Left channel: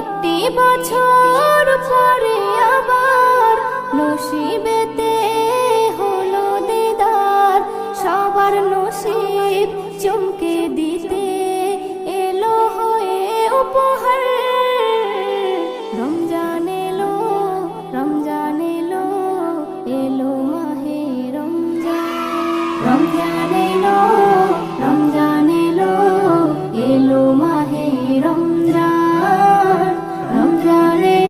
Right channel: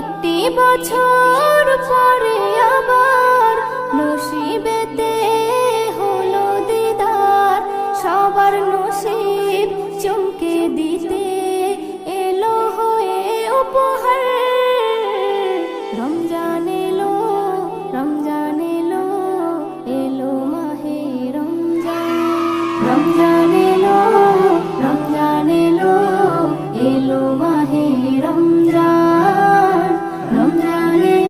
একটি বছর পরে আবার নসিবেতে হলো দিদার, সবার নসিব চমকে দিতে এলো হয়ে উপহার। রমজান এলো, রমজান